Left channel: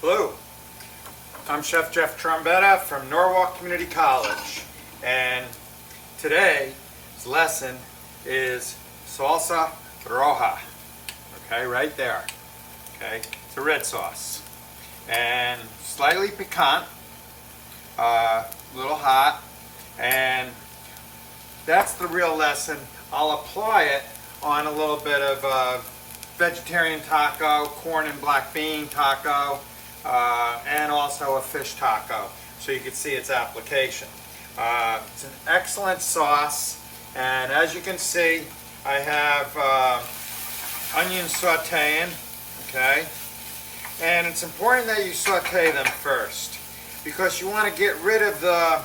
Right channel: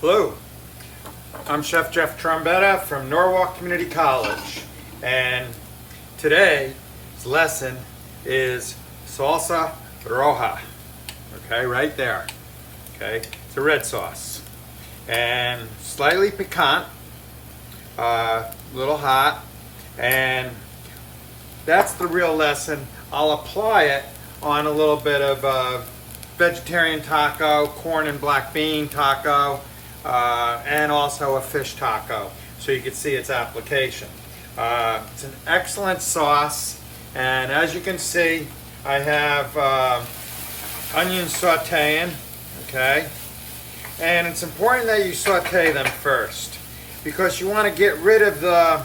Hello, I'm Chef Jeff Trombetta from Norwalk Community College, and today's lesson is Salsa Roja. Okay, right there. Okay, it's a red sauce and slightly piquant, a little hot, and that's the real lesson. I'll apply it on a little bit of vegetarian taco, corn and black bean taco, and also a fish taco, so you can see its application. It's an excellent sauce, and as you can see, I have onions sauteing, okay? And it's important that you saute them first, because you want to get rid of the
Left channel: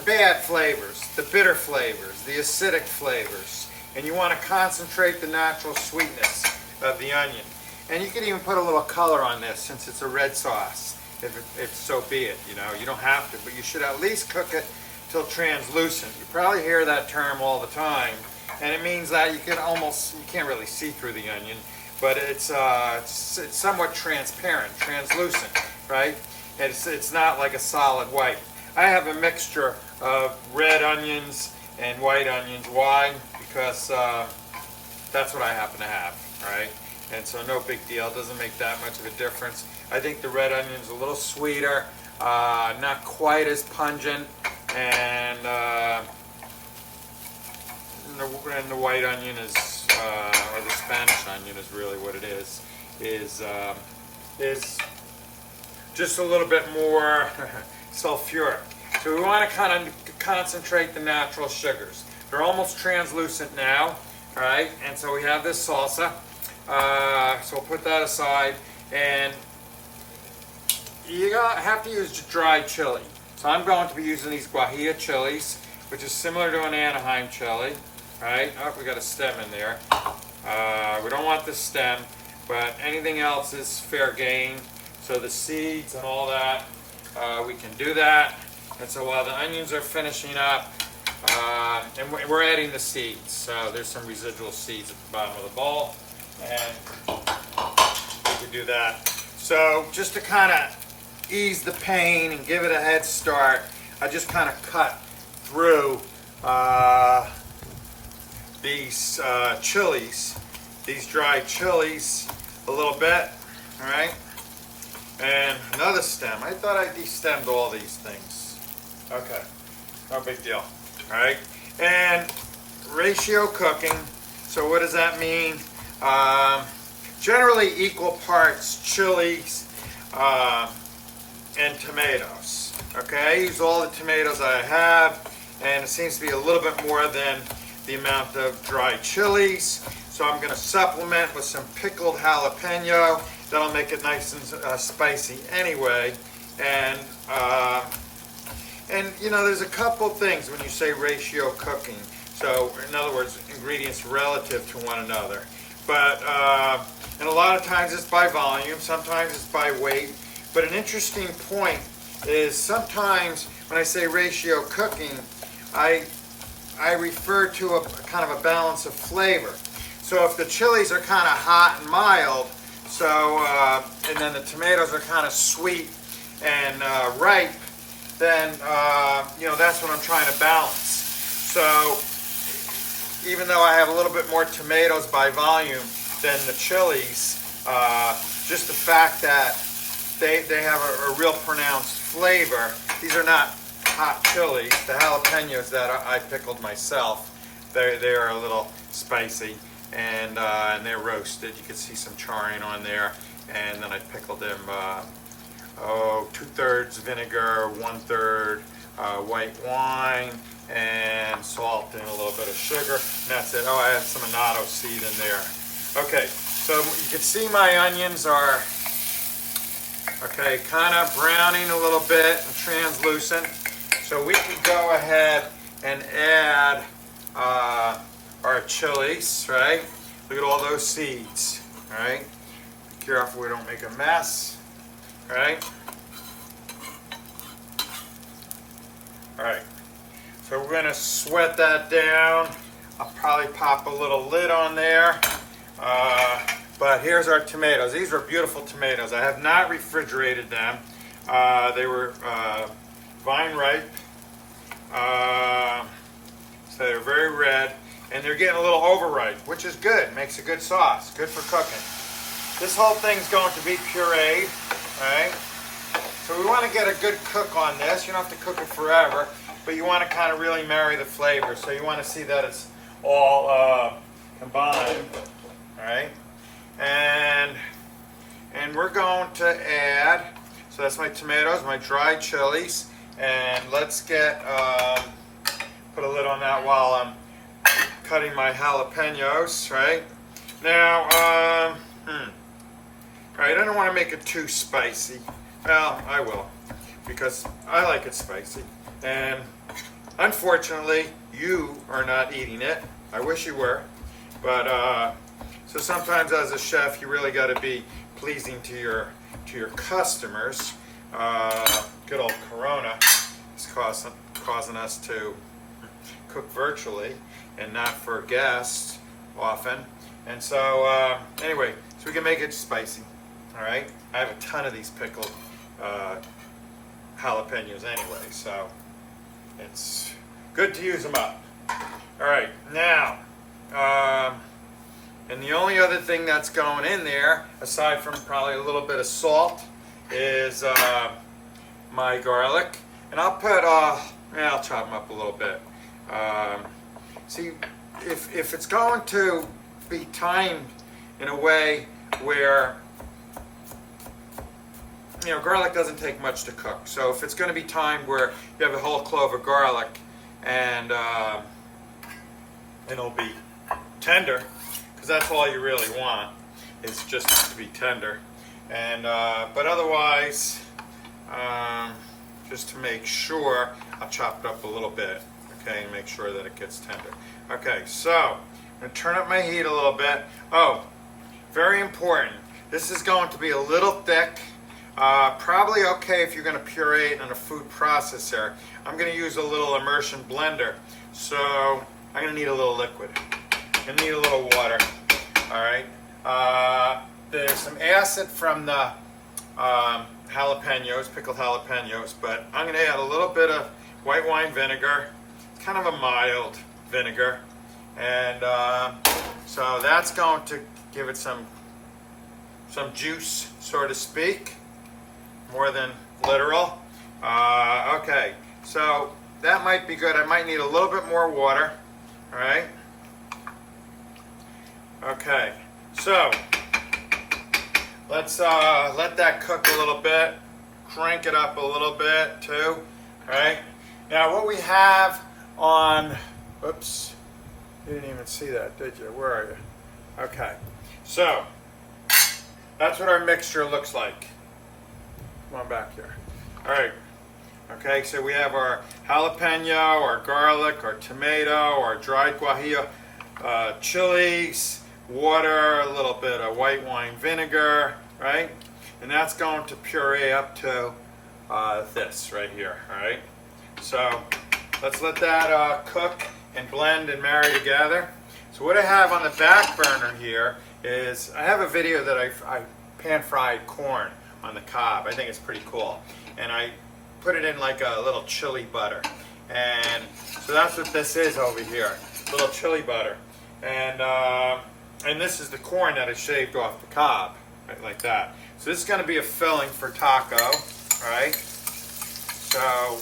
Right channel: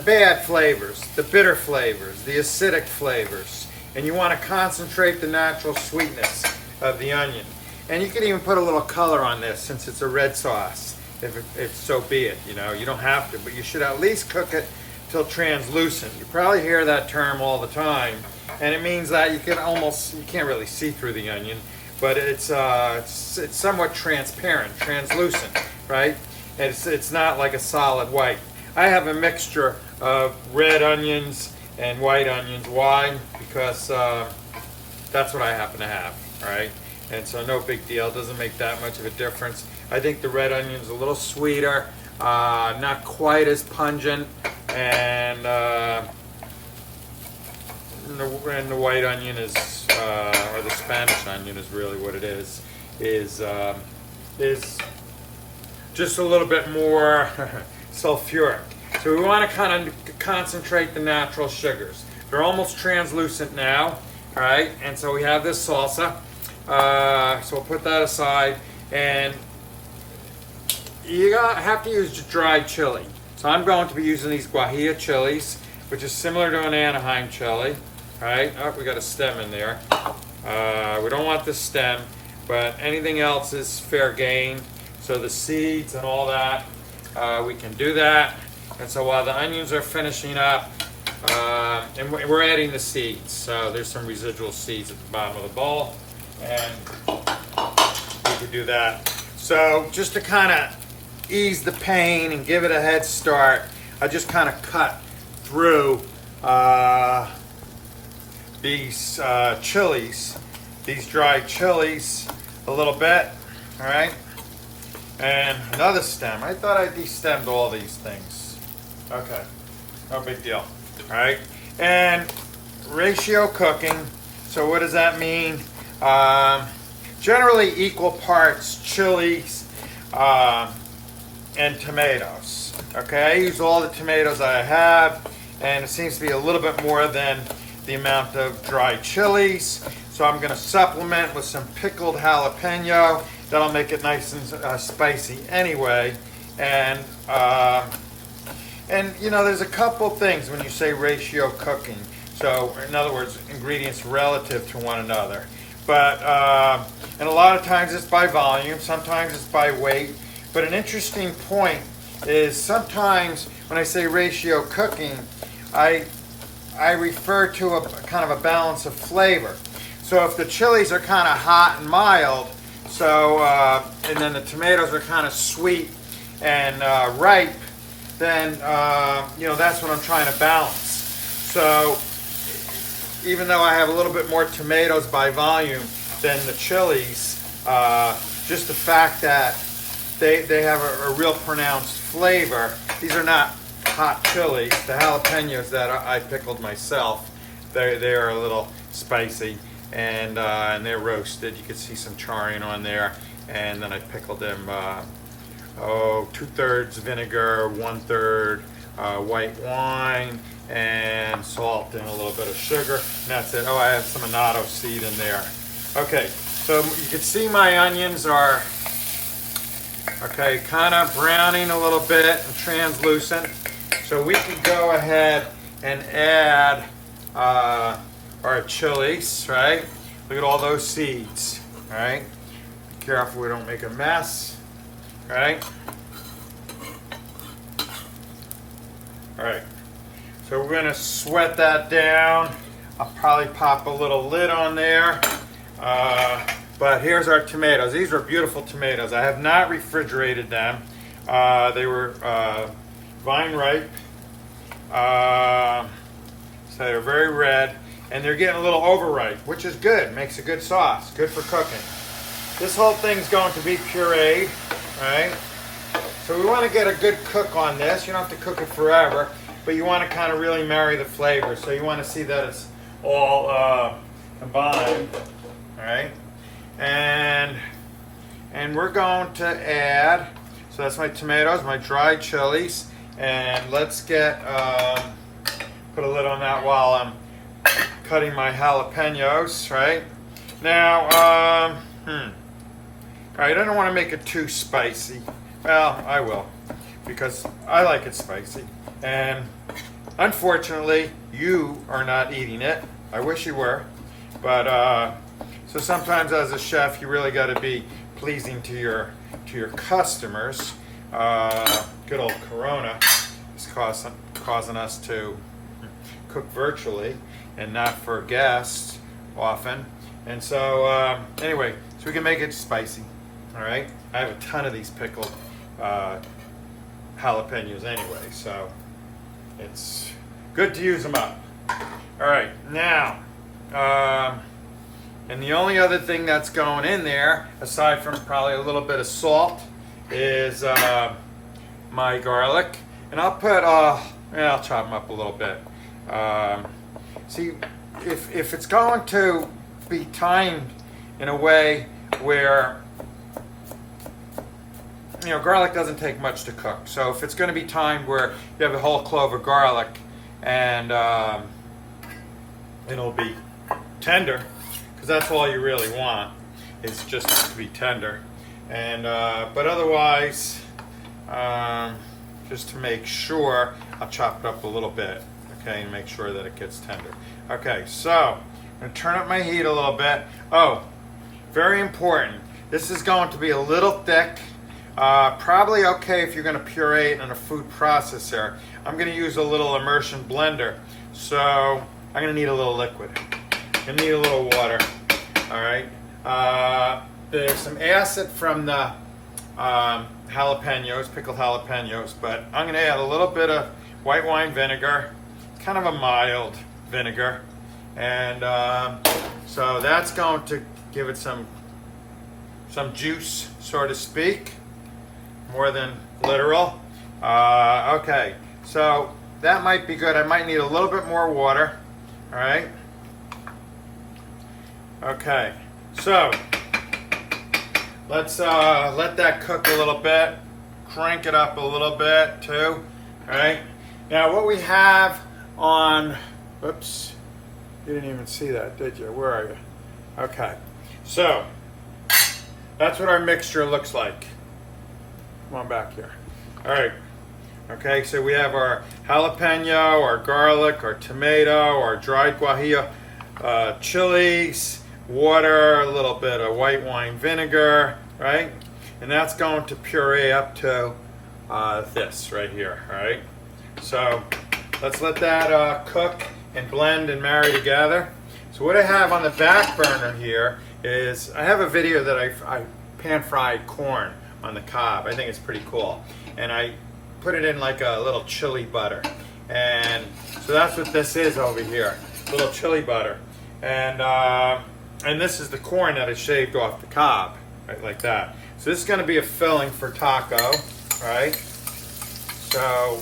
bad flavors, the bitter flavors, the acidic flavors, and you want to concentrate the natural sweetness of the onion. And you can even put a little color on this since it's a red sauce, if so be it. You don't have to, but you should at least cook it till translucent. You probably hear that term all the time, and it means that you can't really see through the onion, but it's somewhat transparent, translucent, right? It's not like a solid white. I have a mixture of red onions and white onions. Why? Because that's what I happen to have, right? And so no big deal. It doesn't make that much of a difference. I think the red onion's a little sweeter, not quite as pungent, and the white onion is, or the Spanish onion is really what it is just a little bit more sulfuric. So we want to kind of concentrate the natural sugars. They're almost translucent now, right? And so we have this salsa. So we'll put that aside, and you have to use dried chili. So I'm going to be using these guajillo chilies, which is similar to an Anaheim chili, right? Oh, we got a stem in there. We don't want the stem, but anything else is fair game. So the seeds and all that, we can do that. And so while the onions are finishing up, and we're adding the seeds. So there's some residual seeds at the bottom of the bowl, and we can do that. So just to kind of ease the pain and give it a head start, I just kind of cut through these chilies, these dried chilies, a little bit, all right? And another stem. I thought I destemmed all these things. Okay, no big deal. All right, and ratio cooking. So what does that mean? Generally equal parts chilies and tomatoes. Okay, I use all the tomatoes that I have, and it seems to be a little bit more than the amount of dried chilies. So I'm going to supplement with some pickled jalapeno. That'll make it nice and spicy anyway. And there's a couple things when you say ratio cooking. So in other words, ingredients relative to one another. But and a lot of times it's by volume, sometimes it's by weight. But an interesting point is sometimes when I say ratio cooking, I refer to a kind of a balance of flavor. So if the chilies are kind of hot and mild, and then the tomatoes are kind of sweet and ripe, then that's what I'm trying to balance. So even though I have a little bit more tomatoes by volume than the chilies, just the fact that they have a real pronounced flavor. These are not hot chilies. The jalapenos that I pickled myself, they are a little spicy, and they're roasted. You can see some charring on there, and then I pickled them 2/3 vinegar, 1/3 white wine, and salt and a little bit of sugar. And that's it. Oh, I have some annatto seed in there. Okay, so you can see my onions are kind of browning a little bit and translucent. So we can go ahead and add our chilies, right? Look at all those seeds, right? Be careful we don't make a mess, right? All right, so we're gonna sweat that down. I'll probably pop a little lid on there But here's our tomatoes. These are beautiful tomatoes. I have not refrigerated them. They were vine ripe. So they're very red. And they're getting a little overripe, which is good. Makes a good sauce. Good for cooking. This whole thing's going to be pureed. Alright? So we want to get a good cook on this. You don't have to cook it forever. But you want to kind of really marry the flavors. So you want to see that it's all combined. Alright? And we're going to add, so that's my tomatoes, my dried chilies, and let's get, put a lid on that while I'm cutting my jalapenos, right? Now, right, I don't want to make it too spicy. Well, I will, because I like it spicy. And unfortunately, you are not eating it. I wish you were, but, so sometimes as a chef, you really got to be pleasing to your customers. Good old Corona is causing us to cook virtually and not for guests often. And so anyway, so we can make it spicy. All right. I have a ton of these pickled jalapenos anyway, so it's good to use them up. All right, now. And the only other thing that's going in there, aside from probably a little bit of salt, is my garlic. And I'll put, I'll chop them up a little bit. See, if it's going to be timed in a way where, garlic doesn't take much to cook. So if it's going to be timed where you have a whole clove of garlic and it'll be tender, because that's all you really want. It's just to be tender, and but otherwise, just to make sure, I'll chop it up a little bit, okay, and make sure that it gets tender. Okay, so I'm going to turn up my heat a little bit. Oh, very important. This is going to be a little thick. Probably okay if you're going to puree it in a food processor. I'm going to use a little immersion blender, so I'm going to need a little liquid. You need a little water. All right. There's some acid from the jalapenos, pickled jalapenos, but I'm going to add a little bit of white wine vinegar. It's kind of a mild vinegar, and so that's going to give it some juice, so to speak, more than literal. Okay, so that might be good. I might need a little bit more water. All right. Okay, so let's let that cook a little bit, crank it up a little bit too, right? Now what we have on, oops, you didn't even see that, did you? Where are you? Okay, so that's what our mixture looks like. Come on back here. All right, okay, so we have our jalapeno, our garlic, our tomato, our dried guajillo chilies, water, a little bit of white wine vinegar, right? And that's going to puree up to this right here, all right? So let's let that cook and blend and marry together. So what I have on the back burner here is, I have a video that I pan-fried corn on the cob. I think it's pretty cool. And I put it in like a little chili butter. And so that's what this is over here, a little chili butter. And this is the corn that I shaved off the cob, right, like that. So this is going to be a filling for taco, right? So,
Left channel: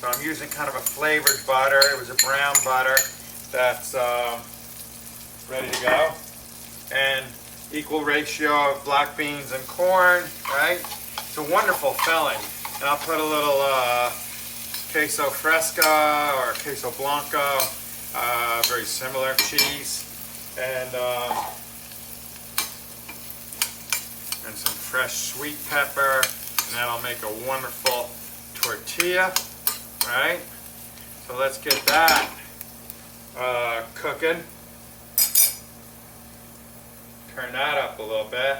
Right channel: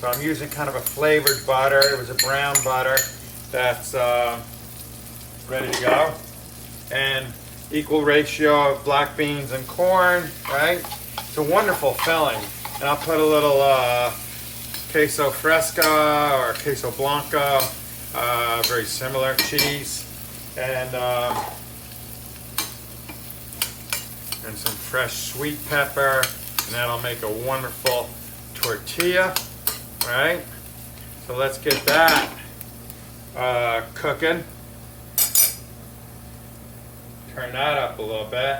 so I'm using kind of a flavored butter. It was a brown butter that's ready to go. And equal ratio of black beans and corn, right? It's a wonderful filling. And I'll put a little queso fresco or queso blanco, very similar cheese, and some fresh sweet pepper, and that'll make a wonderful tortilla, right? So let's get that cooking. Turn that up a little bit.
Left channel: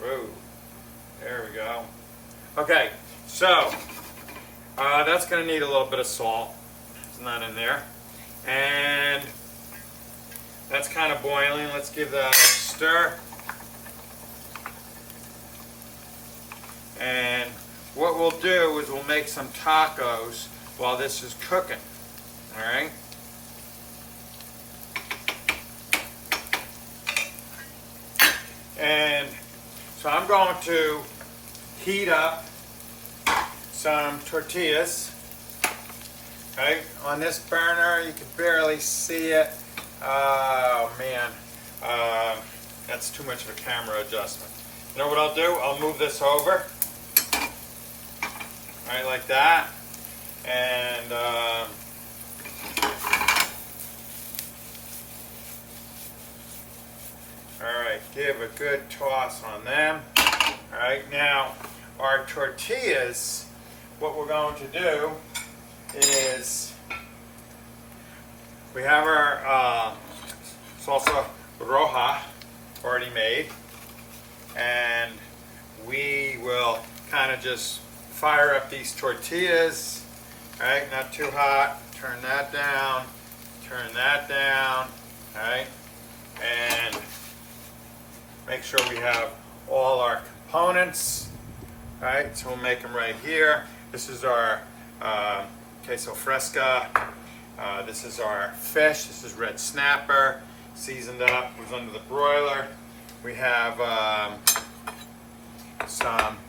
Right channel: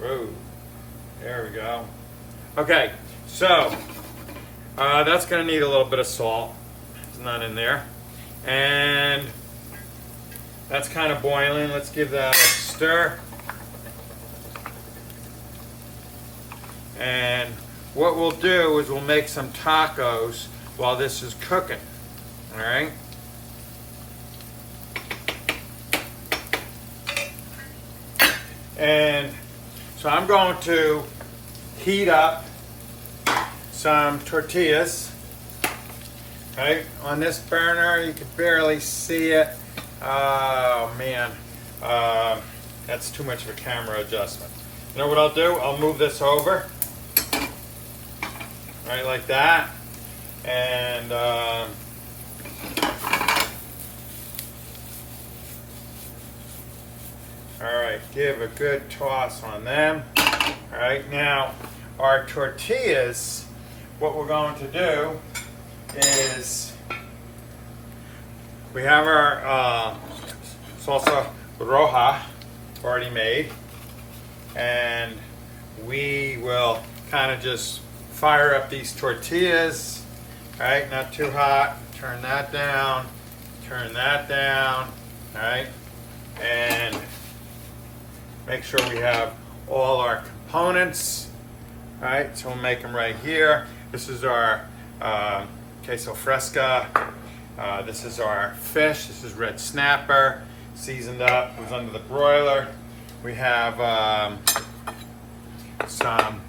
Whoa, there we go. Okay, so that's going to need a little bit of salt. It's not in there. And That's kind of boiling. Let's give that a stir. And what we'll do is we'll make some tacos while this is cooking. All right? And so I'm going to heat up some tortillas. Okay, on this burner, you can barely see it. Oh man, that's too much of a camera adjustment. You know what I'll do? I'll move this over, right like that, and all right, give a good toss on them. All right, now our tortillas, what we're going to do is we have our Salsa Roja already made, and we will kind of just fire up these tortillas, right? Not too hot. Turn that down. Turn that down. All right, and make sure we have all our components. All right, so we'll make them right here. This is our queso fresca. This is our fish. This is red snapper, seasoned up. It was under the broiler. We have some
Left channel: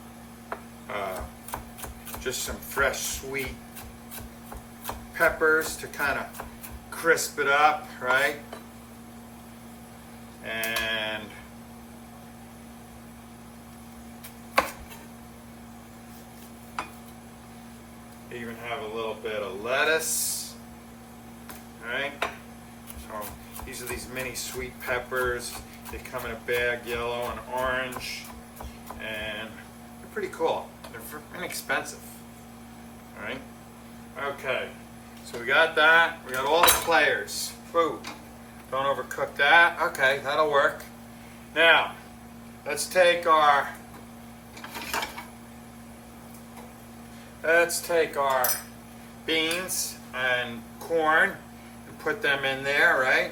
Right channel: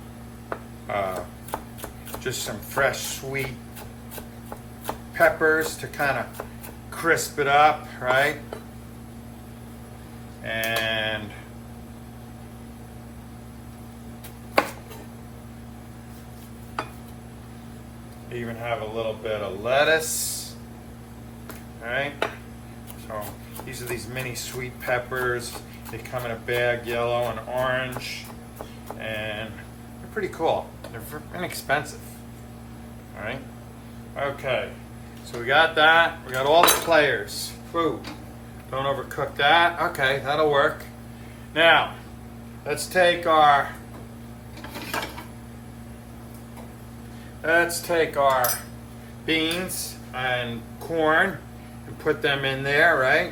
just some fresh sweet peppers to kind of crisp it up, right? And even have a little bit of lettuce. Alright, so these are these mini sweet peppers. They come in a bag, yellow and orange, and they're pretty cool. They're inexpensive. Alright, okay, so we got that. We got all the players. Food. Don't overcook that. Okay, that'll work. Now, let's take our beans and corn and put them in there, right?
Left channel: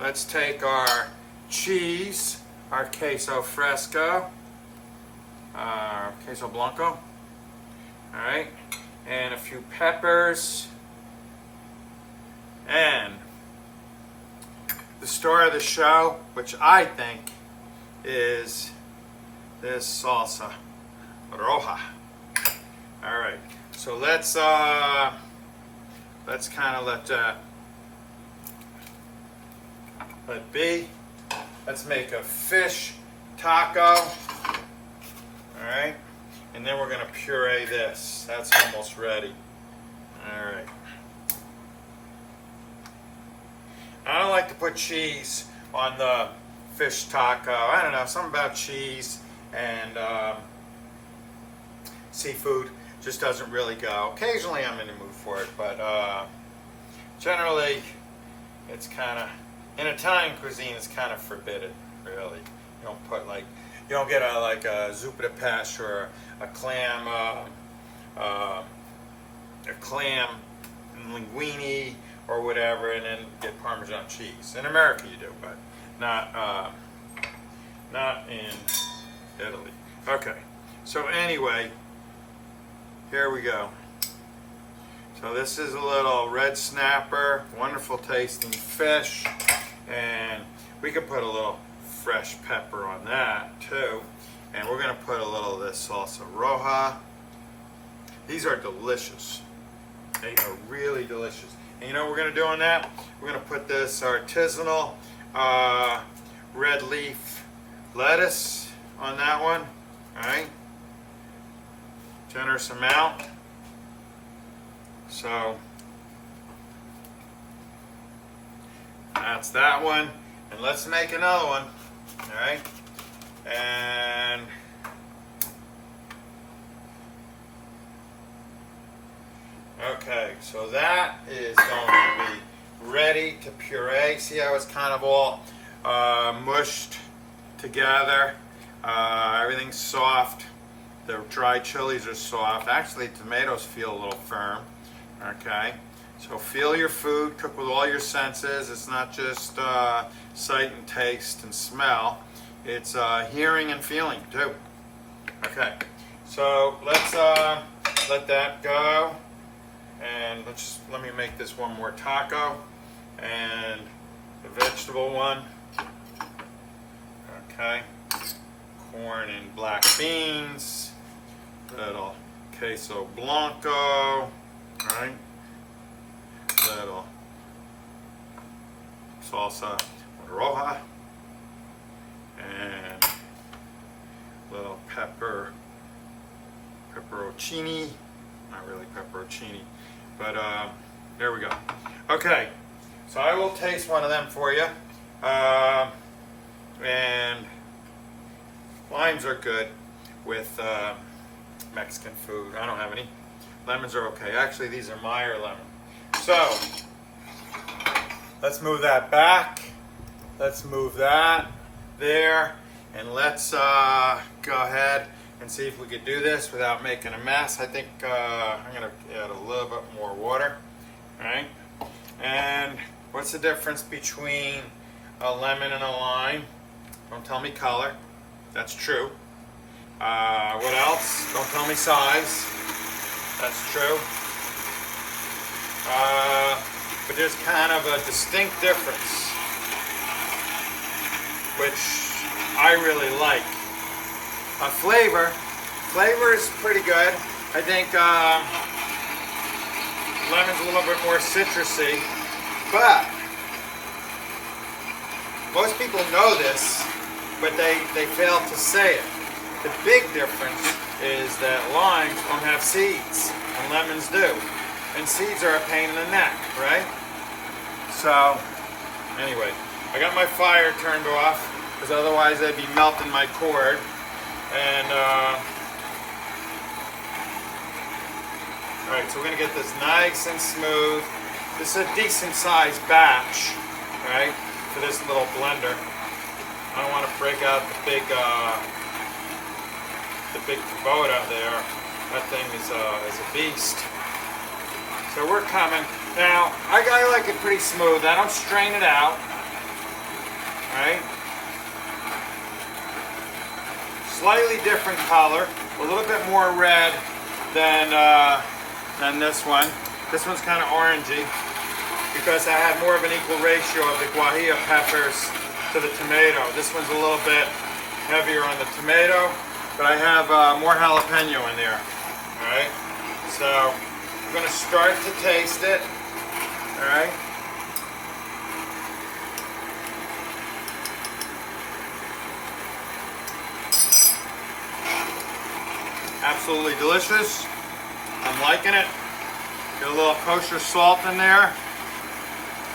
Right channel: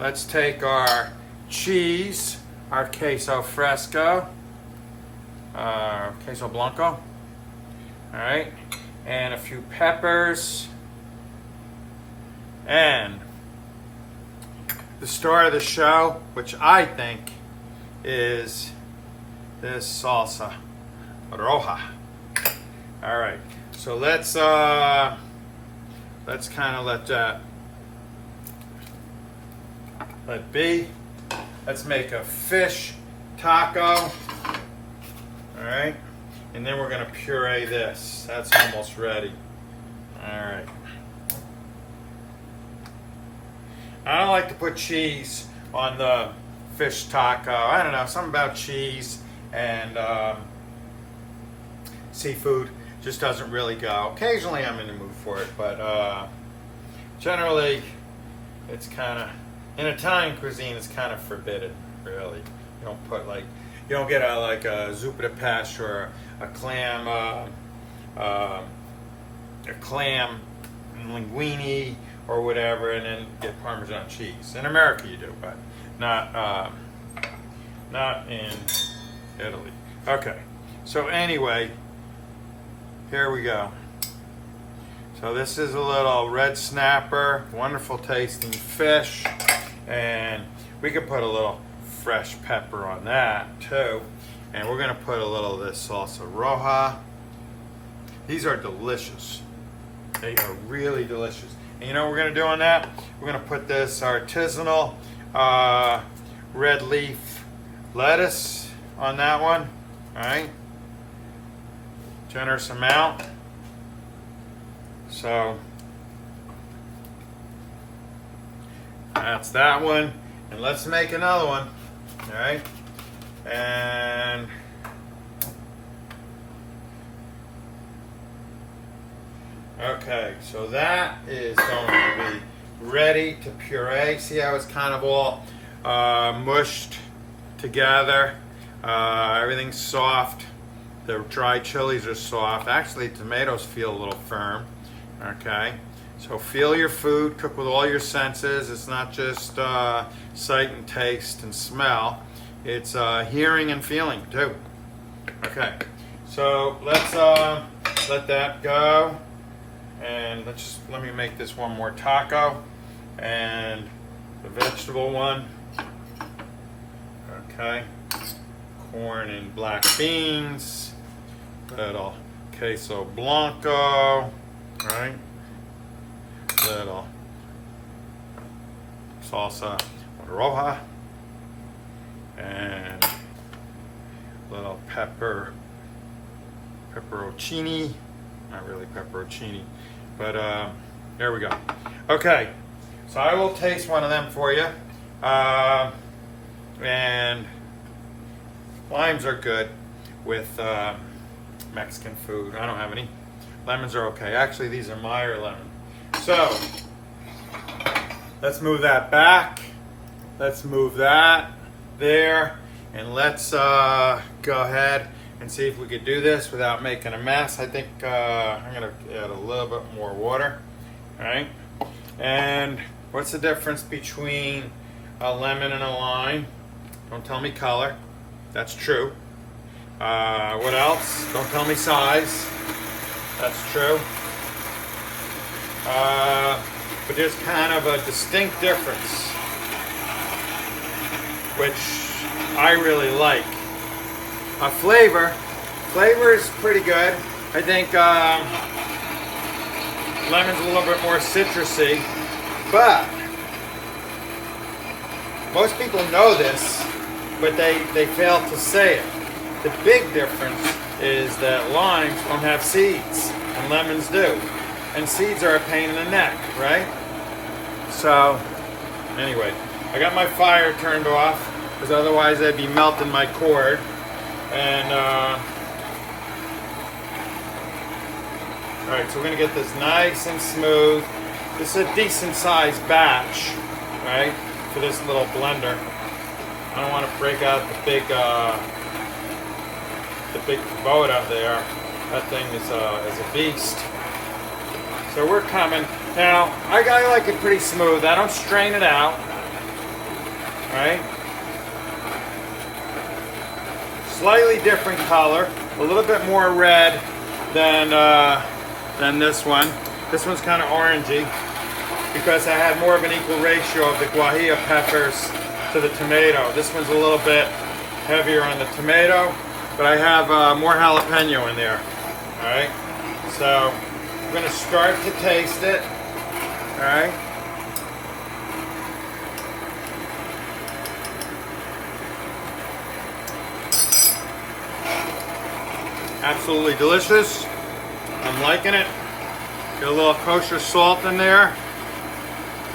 Let's take our cheese, our queso fresco, queso blanco, all right, and a few peppers, and the star of the show, which I think is this salsa roja. All right, so let's kind of let be. Let's make a fish taco. All right, and then we're gonna puree this. That's almost ready. All right. I don't like to put cheese on the fish taco. I don't know, something about cheese and seafood just doesn't really go. Occasionally I'm in the mood for it, but generally it's kind of, in Italian cuisine, it's kind of forbidden, really. You don't put you don't get a zuppa de pesce or a clam linguine or whatever, and then get Parmesan cheese. In America you do, but not in Italy. Okay, so anyway, here we go. So this is a little red snapper, wonderful tasting fish, and we could put a little fresh pepper on that too. And we're gonna put a little of this salsa roja. These are delicious. They are really delicious. And you know what we're gonna do on that? We're gonna put this artisanal red leaf lettuce on that one. All right, generous amount. So that's that one, and let's make another one. All right, and okay, so that is going to be ready to puree. See how it's kind of all mushed together. Everything's soft. The dried chilies are soft. Actually, tomatoes feel a little firm. Okay, So feel your food, cook with all your senses. It's not just sight and taste and smell. It's hearing and feeling too. Okay, so let's let that go. And let me make this one more taco. And the vegetable one. Okay. Corn and black beans. Little queso blanco. Right. Little salsa roja. And little pepperoncini. Not really pepperoncini, but there we go. Okay, so I will taste one of them for you. And limes are good with Mexican food. I don't have any. Lemons are okay. Actually, these are Meyer lemon. So, let's move that back. Let's move that there. And let's go ahead and see if we could do this without making a mess. I think I'm going to add a little bit more water. All right. And what's the difference between a lemon and a lime? Don't tell me color. That's true. What else? Don't tell me size. That's true. But there's kind of a distinct difference, which I really like. Flavor is pretty good. I think lemon's a little bit more citrusy, but most people know this, but they fail to say it. The big difference is that limes don't have seeds, and lemons do. And seeds are a pain in the neck, right? So, anyway, I got my fire turned off, because otherwise I'd be melting my cord. And, alright, so we're going to get this nice and smooth. This is a decent sized batch, right, for this little blender. I don't want to break out the big Kubota there. That thing is a beast. So we're coming. Now, I like it pretty smooth. I don't strain it out. Right? Slightly different color. A little bit more red than this one. This one's kind of orangey because I had more of an equal ratio of the guajillo peppers to the tomato. This one's a little bit heavier on the tomato, but I have more jalapeno in there. Alright? So, I'm going to start to taste it. Alright? Absolutely delicious. I'm liking it. Get a little kosher salt in there.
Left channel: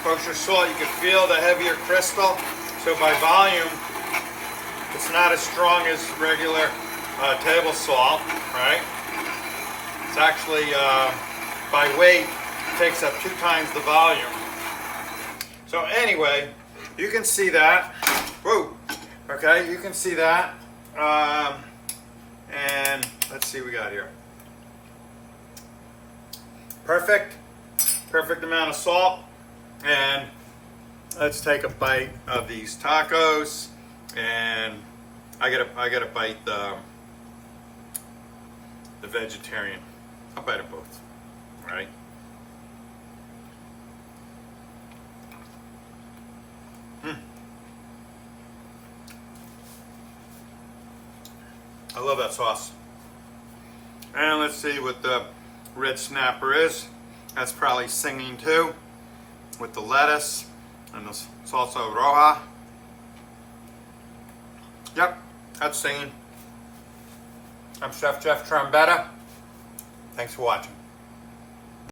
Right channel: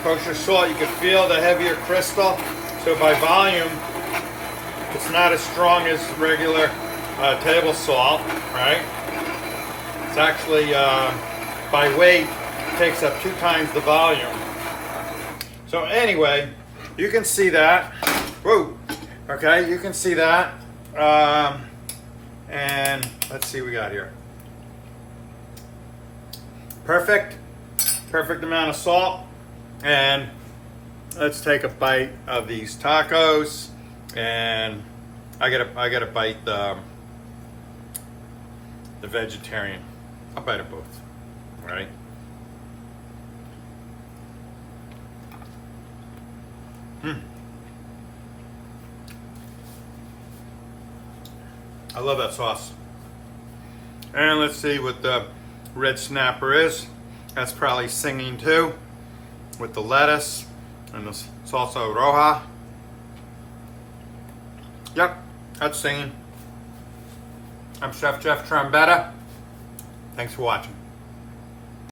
Kosher salt, you can feel the heavier crystal. So by volume, it's not as strong as regular table salt, right? It's actually, by weight, it takes up 2 times the volume. So anyway, you can see that. Whoa. Okay, you can see that. And let's see what we got here. Perfect amount of salt. And let's take a bite of these tacos. And I gotta bite the vegetarian. I'll bite them both. All right. I love that sauce. And let's see what the red snapper is. That's probably singing too, with the lettuce and the salsa roja. Yep, that's singing. I'm Chef Jeff Trombetta. Thanks for watching.